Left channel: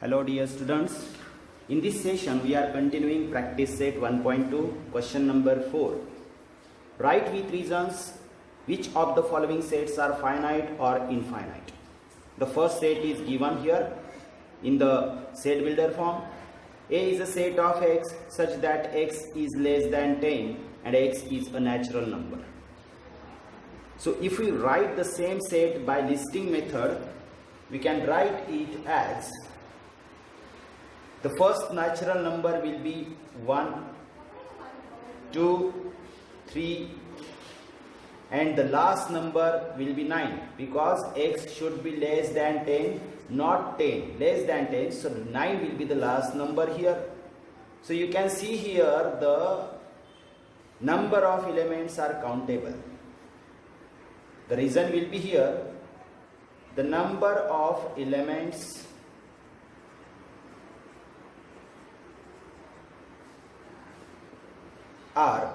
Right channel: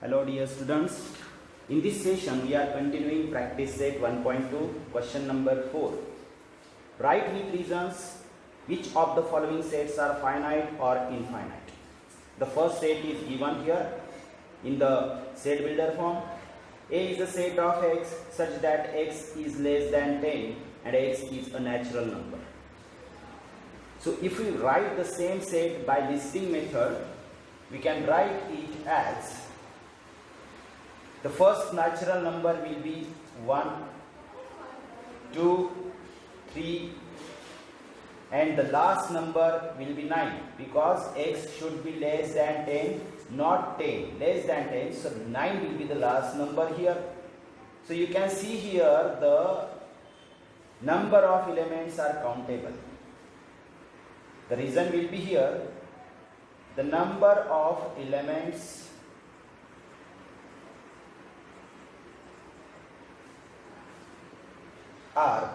Hello dear students, in this session we are continuing practice set 1.2 question number 4. Write with reasons which of the following sets are finite or infinite. The first set is given here in the set builder form. A is a set of x such that x is less than 10 and x is a natural number. So if we write the same set by listing method, we can write it as the first natural number will be 1, 2, 3 and the last number will be 9 because x should be less than 10, not 10, less than 10, so 9 will be the last number here. So you can see here the number of elements are countable. The reason will be here, the number of elements are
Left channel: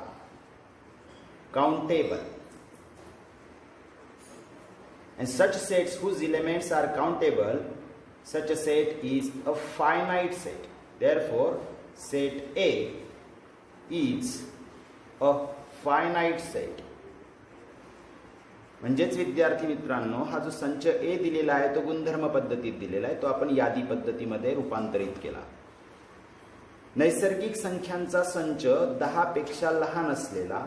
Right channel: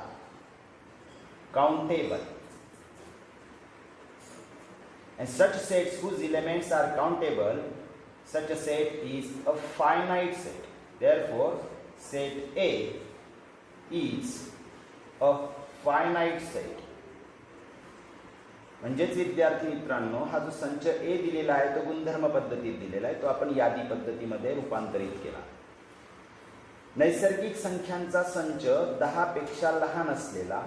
countable, and such sets whose elements are countable, such a set is a finite set. Therefore, set A is a finite set. म्हणजेच विद्यार्थी मित्रांनो, हा जो संच ए दिलेला आहे तो गुणधर्म पद्धतीत दिलेला आहे, तो आपण यादी पद्धतीमध्ये रूपांतरित केला. नैसर्गिक संख्यांचा संच 10 पेक्षा लहान असलेला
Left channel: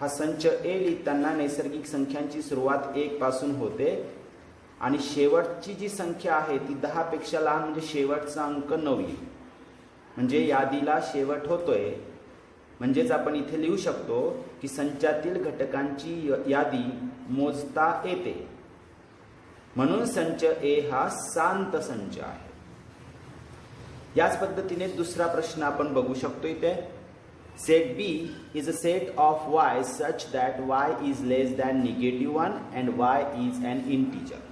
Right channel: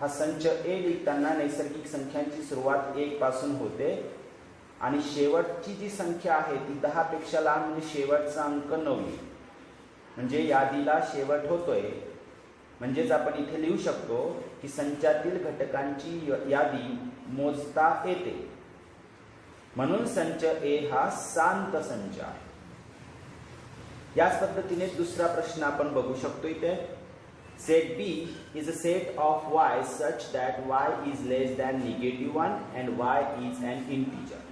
हा संच ए लिहिताना नैसर्गिक संख्यांची सुरुवात 1 पासून होते आणि शेवटची जी संख्या आहे ती 10 पेक्षा लहान म्हणजे शेवटचा अंक 9 येईल. म्हणजे यादीला शेवट होतोय. म्हणजेच आपण इथे लिहू शकतो की संचातील घटकांची यादी मोजता येते. म्हणून संच ए हा शांत संच आहे. याच पद्धतीने दुसरा प्रश्न आपण बघू शकतो इथे. Set B is a set of y such that y is less than -1 and y is an integer.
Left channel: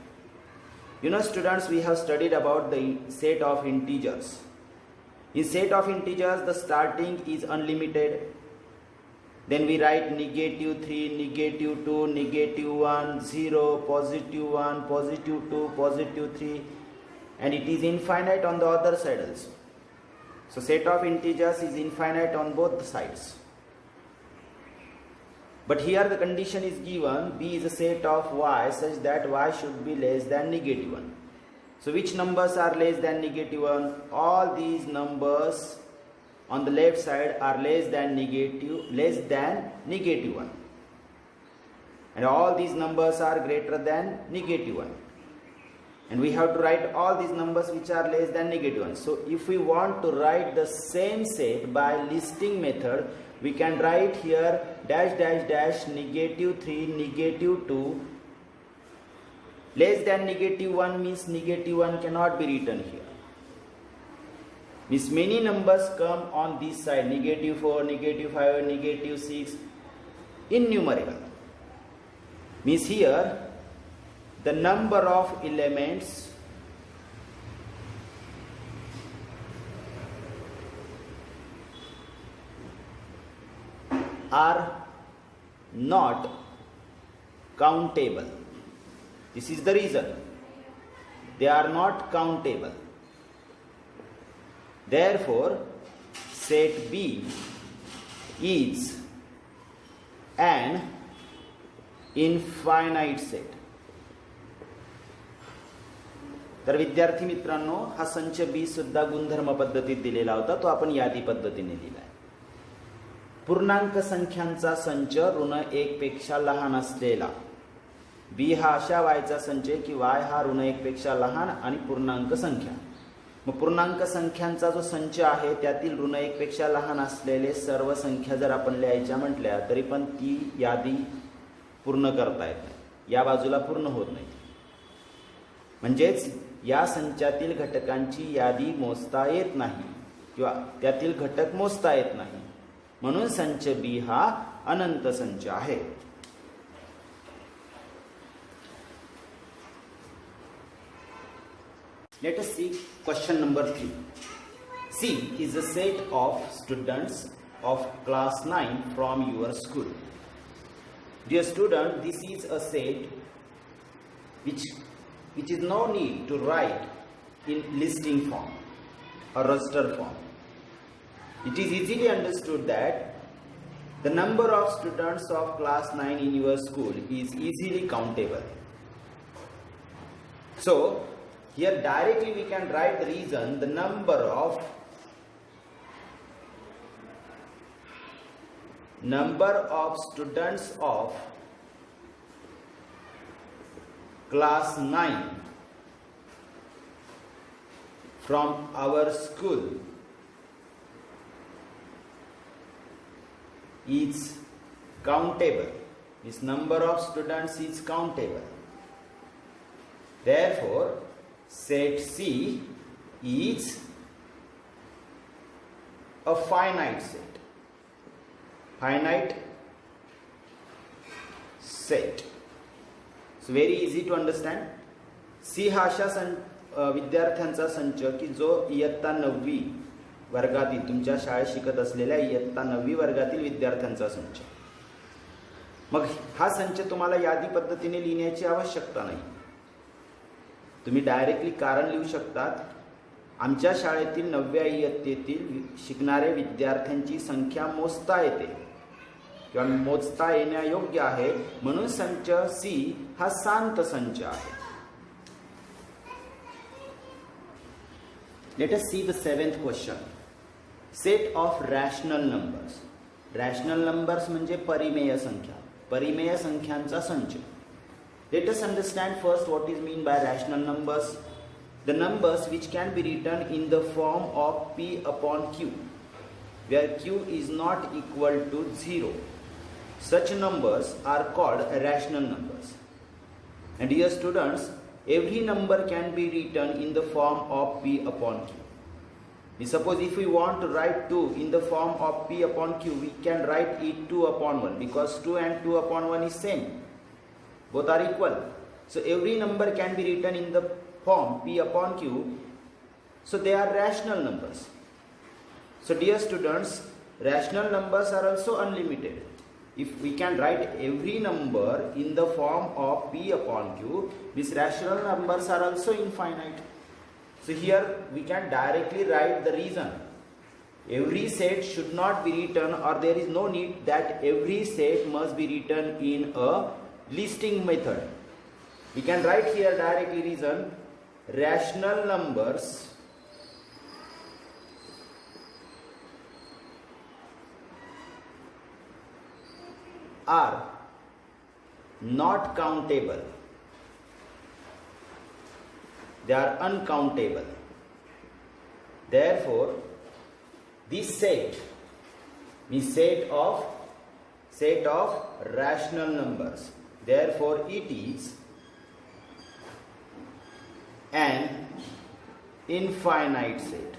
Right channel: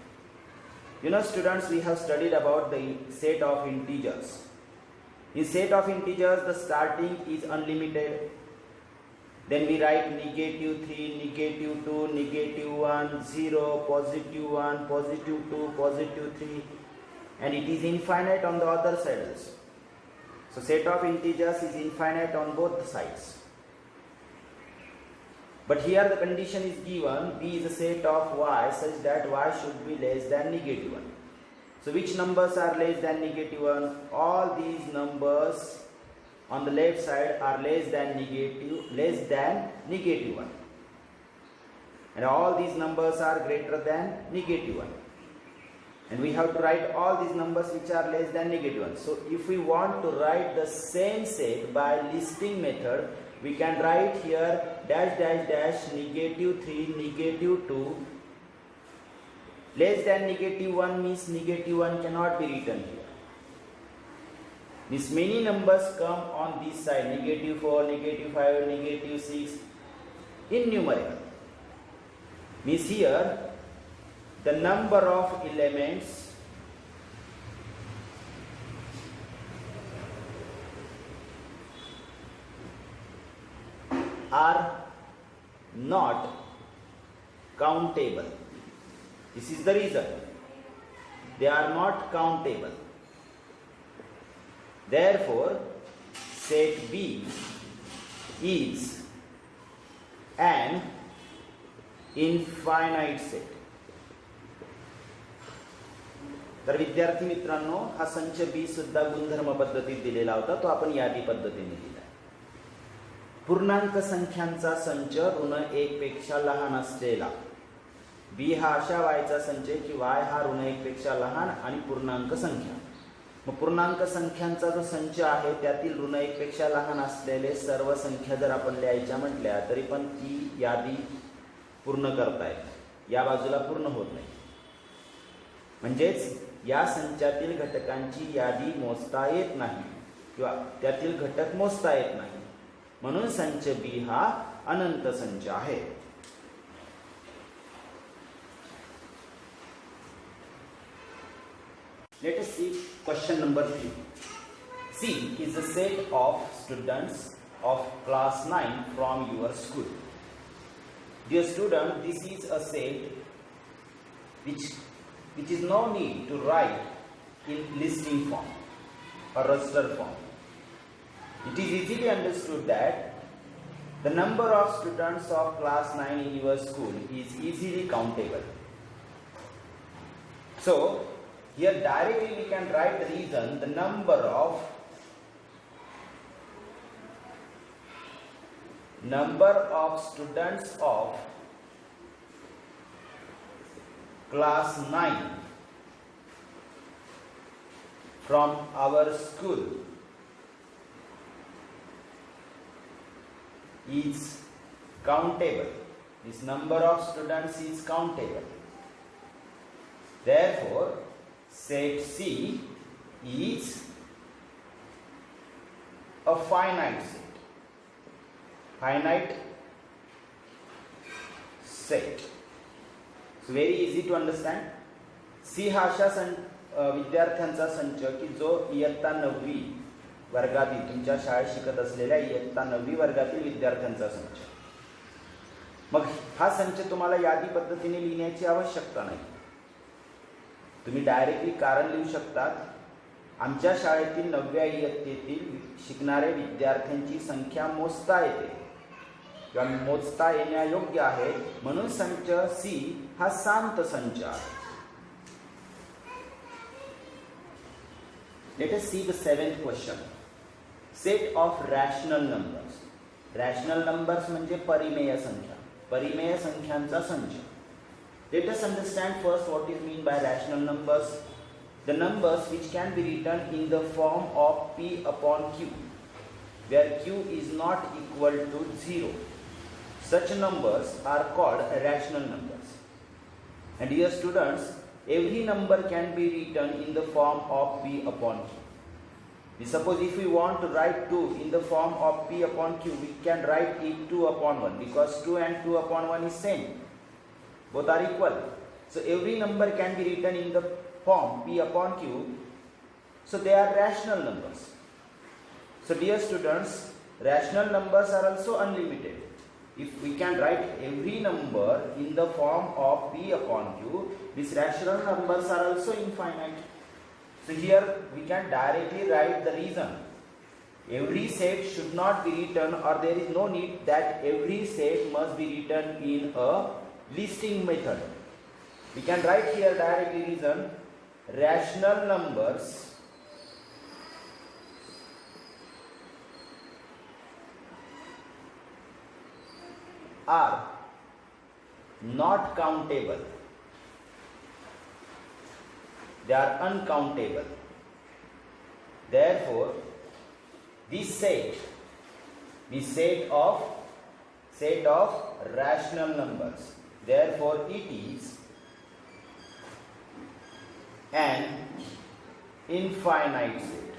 You know students, we have studied about the set of integers. In set of integers, the starting is unlimited. Then we write -3, -2, -1, 0, +1, +2, +3, and it is infinite on the other side also. So set of integers is infinite on both the sides. But here the condition is given, B is a set of y such that y should be less than -1. So which numbers are less than -1? All these numbers on the left side are less than -1. And all these numbers are greater than -1. And we have to write all these numbers which are less than -1. So if we want to write the same set by listing method, we can write here dash dash dash -3, -2. Less than -1 means -1 cannot be written here. Means many numbers come on this side, -4, -5, -6, innumerable. Means here the number of elements are not countable. This is the reason. They are not countable. Therefore, set B is an infinite set. तर विद्यार्थी मित्रांनो, हा संच B सुद्धा गुणधर्म पद्धतीत दिलेला होता, तो आपण यादी पद्धतीने दिला. पूर्णांक संख्यांचा संच ऋण 1 पेक्षा लहान असलेला. बी हा अशा वायचा संच आहे की वाय हा ऋण 1 पेक्षा लहान आणि पूर्णांक संख्या. मग पूर्णांक संख्यांचा जो संच आहे त्यातील ऋण 1 पेक्षा लहान असलेले सर्व संख्या जर आपण लिहायच्या म्हटल्या तरी पण ती यादी पूर्ण करता येते, या बाजूला पूर्ण होत नाही. म्हणजेच या संचातील घटकांची यादी मोजता येत नाही किंवा त्यातील घटक मोजता येत नाही. म्हणून संच बी हा अनंत संच आहे. Let us see question number 3. C is a set of students of class 9 from your school. Dear student, this is a set which is no need to write in listing form or roster form. It is easily understood that the number of students of class 9 in your school is easily countable. So here directly we can write the reason, the number of students of class 9 from our school is countable. This number of students is countable. Therefore, set C is a finite set. Finite set. So very easy to understand. C हा अशा विद्यार्थ्यांचा संच की जो इयत्ता 9वी वर्गातील तुमच्या शाळेत शिकत असलेल्या इयत्ता 9वी वर्गातील विद्यार्थ्यांचा संच. मग हा संच तुम्हाला यादी पद्धतीने लिहिण्याची आवश्यकता नाही. तुम्ही डायरेक्टली कारण लिहू शकतात. आमच्या शाळेतील 9व्या इयत्तेतील शिकणाऱ्या विद्यार्थ्यांची संख्या मोजता येते किंवा मोजता येण्यायोग्य आहे, म्हणून संच सी हा शांत संच आहे. Let us see the 7th question. Set of rational numbers. Rational numbers म्हणजे परिमेय संख्या. परिमेय संख्यांचा संच. Let us understand first what is mean by rational numbers. The numbers which can be written in the form of P upon Q, where Q is not equal to 0. Such numbers are called rational numbers. And dear students, every number can be written in the form of P upon Q. Suppose if we want to write 2 in the form of P upon Q, we can write it 2 upon 1 because 2 and 2 upon 1 is same. Both are equal. So every number can be written in the form P upon Q. So they are rational numbers. So dear students, rational numbers are also unlimited. If we can write every number in the form of P upon Q, these rational numbers are also infinite. So here we can directly write the reason. Every set should not be written, or there is no need that every set must be written in a listing method. We can write here directly reason. Rational numbers are not countable. They are uncountable. Therefore, this set is set of rational numbers. Therefore, it is an infinite set.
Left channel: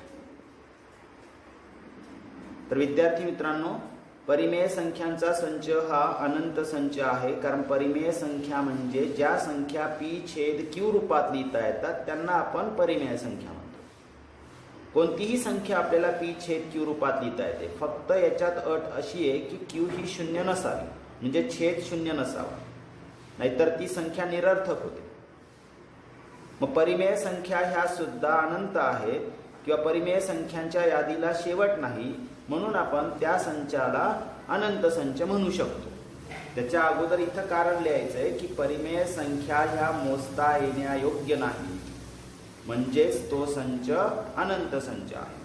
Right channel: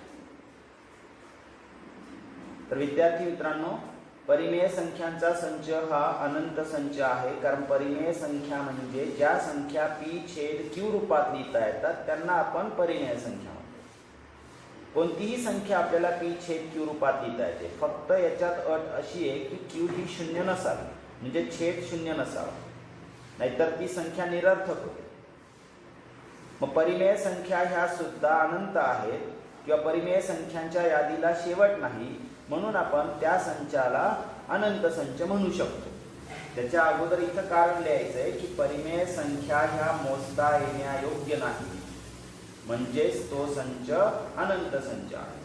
तर विद्यार्थी मित्रांनो, परिमेय संख्यांचा संच हा अनंत संच आहे. कारण परिमेय संख्या म्हणजे ज्या संख्या P छेद Q रूपात लिहिता येतात त्यांना आपण परिमेय संख्या म्हणतो. कोणतीही संख्या आपल्याला P छेद Q रूपात लिहिता येते. फक्त याच्यात अट अशी आहे की Q ही शून्य नसावी, म्हणजे छेद शून्य नसावा, नाहीतर ती संख्या निरर्थक होते. मग परिमेय संख्या ह्या सुद्धा अनंत आहेत किंवा परिमेय संख्यांच्या यादीला शेवट नाही, म्हणून आपण त्या संचाला अनंत संच म्हणू शकतो. त्याच्या अगोदर इथं कारण लिहायचं आहे की परिमेय संख्या ह्या मोजता येण्यायोग्य नाही, म्हणजेच तो संच अनंत संच आहे.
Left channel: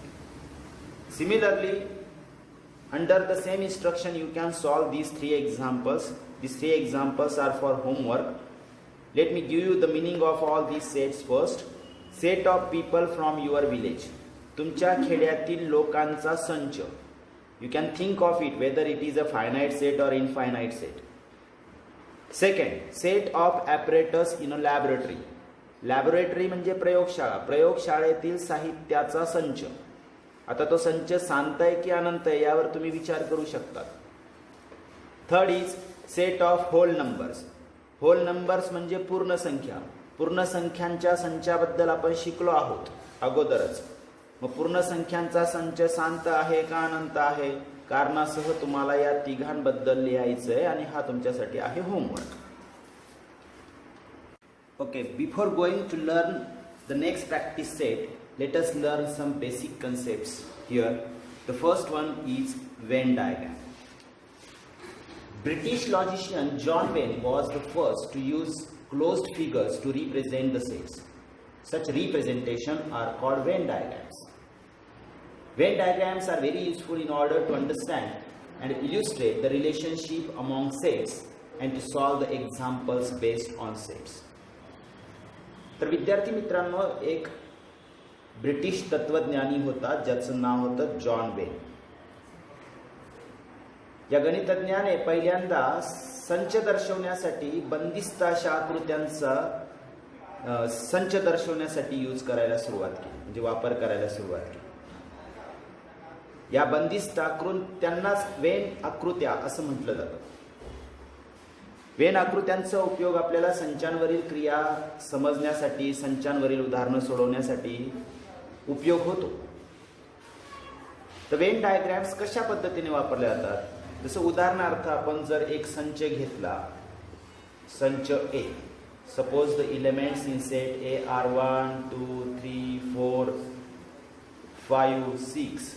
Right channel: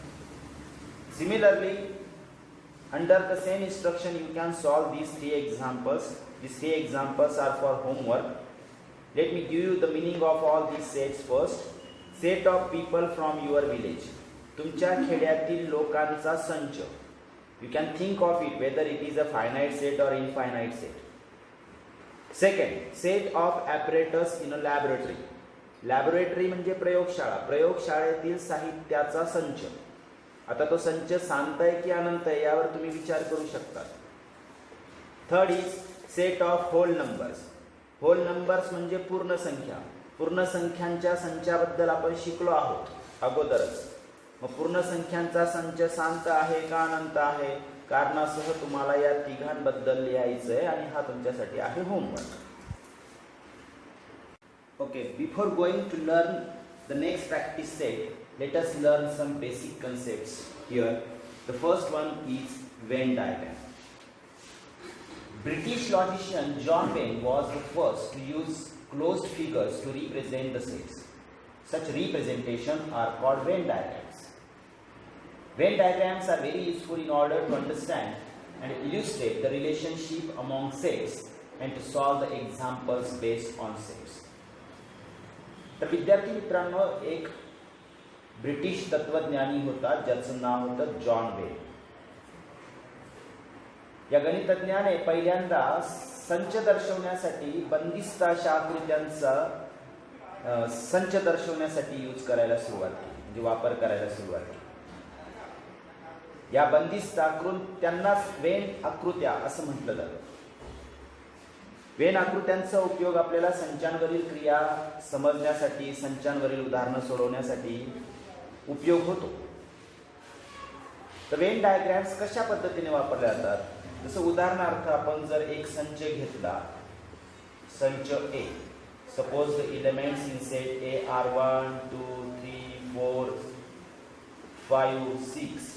Similarly, under the same instruction you can solve these 3 examples. These 3 examples are for homework. Let me give you the meaning of all these sets first. Set of people from your village. तुमच्या खेड्यातील लोकांचा संच. You can think of it whether it is a finite set और infinite set. Second, set of apparatus in a laboratory. Laboratory म्हणजे प्रयोगशाळा. प्रयोगशाळेतील साहित्याचा संच. आता तो संच शांत आहे की अनंत आहे यावर तुम्ही विचार करू शकता. Third is set of whole numbers. Whole numbers म्हणजे पूर्ण संख्या. पूर्ण संख्यांच्या संचाबद्दल आपण शिकलो आहोत अगोदरच. मग पूर्ण संख्यांचा संच शांत आहे का अनंत आहे, कारणासह तुम्हाला या तिघांबद्दल लिहायचं आहे आणि हा तुमच्यासाठी आहे homework. Okay, before going to learn the next practice set, let us learn some basic concepts here. The first one is Venn diagram. British logician John Venn was the first to use closed figures to represent the sets. Such representations are called Venn diagrams. Venn diagrams are very useful in order to understand and illustrate the relationship among sets and to solve the examples based on sets. तर विद्यार्थी मित्रांनो, एक British तत्वज्ञानी होता ज्याचं नाव होतं John when. या गणितज्ञाने पहिल्यांदा संच दर्शवण्यासाठी बंदिस्त अशा आकृत्यांचा संच दर्शवण्यासाठी यूज करायला सुरुवात केली, म्हणजे वापर करायला सुरुवात केली. या बंदिस्त आकृत्यांनाच वेन आकृत्या असं म्हटलं जातं. वेन आकृत्यांचा उपयोग आपल्याला संचांवरील क्रिया समजण्यासाठी, संचांवरील उदाहरणं सोडवण्यासाठी उपयोग होतो. तर वेन डायग्रॅम्स कशा पद्धतीने वापरले जातात? जसं उदाहरणार्थ आपण जर एक संच घेतला, संच A. Suppose the elements in set A are 1 2 3 4 5 6.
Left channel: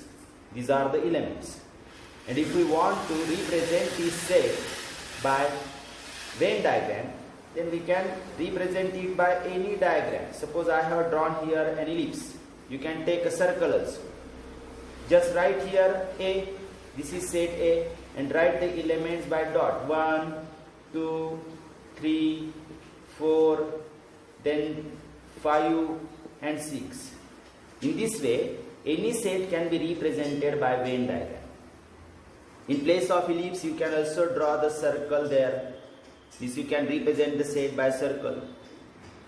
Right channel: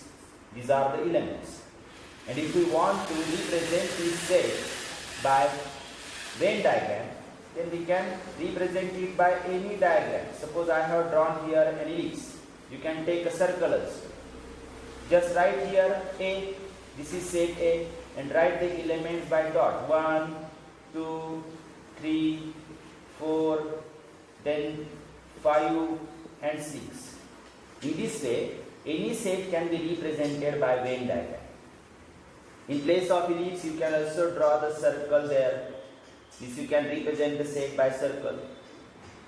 These are the elements. And if we want to represent this set by Venn diagram, then we can represent it by any diagram. Suppose I have drawn here an ellipse. You can take a circle also. Just write here A, this is set A, and write the elements by dot. 1, 2, 3, 4, then 5 and 6. In this way, any set can be represented by Venn diagram. In place of ellipse, you can also draw the circle there. This you can represent the set by circle.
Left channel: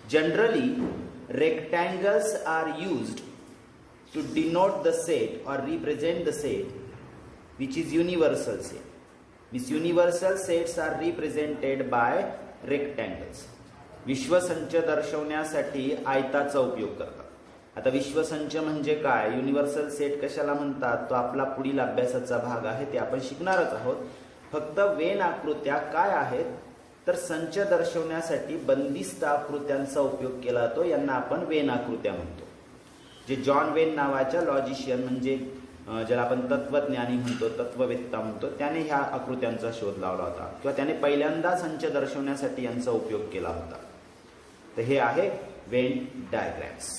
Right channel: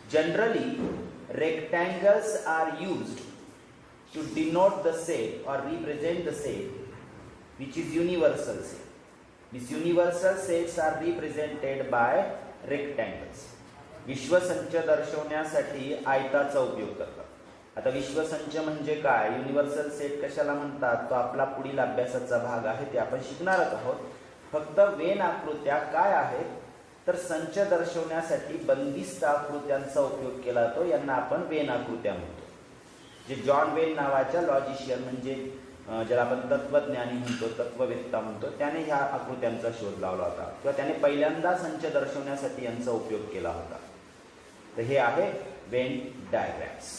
Generally, rectangles are used to denote the set or represent the set, which is universal set. These universal sets are represented by rectangles. विश्वसंच दर्शवण्यासाठी आयताचा उपयोग करतात. आता विश्वसंच म्हणजे काय, universal set कशाला म्हणतात, तो आपला पुढील अभ्यासाचा भाग आहे, ते आपण शिकणारच आहोत. फक्त वेन आकृत्या काय आहेत, तर संच दर्शवण्यासाठी बंदिस्त आकृत्यांचा उपयोग केला जातो. यांना आपण वेन आकृत्या म्हणतो. जे जॉन वेन नावाच्या लॉजिशियन, म्हणजे ज्याला आपण तत्वज्ञानी म्हणतो, तत्ववेत्ता म्हणतो, त्याने ह्या आकृत्यांचा शोध लावला होता किंवा त्याने पहिल्यांदा संच दर्शवण्यासाठी यांचा उपयोग केला होता. तर हे आहे वेन डायग्रॅम्स.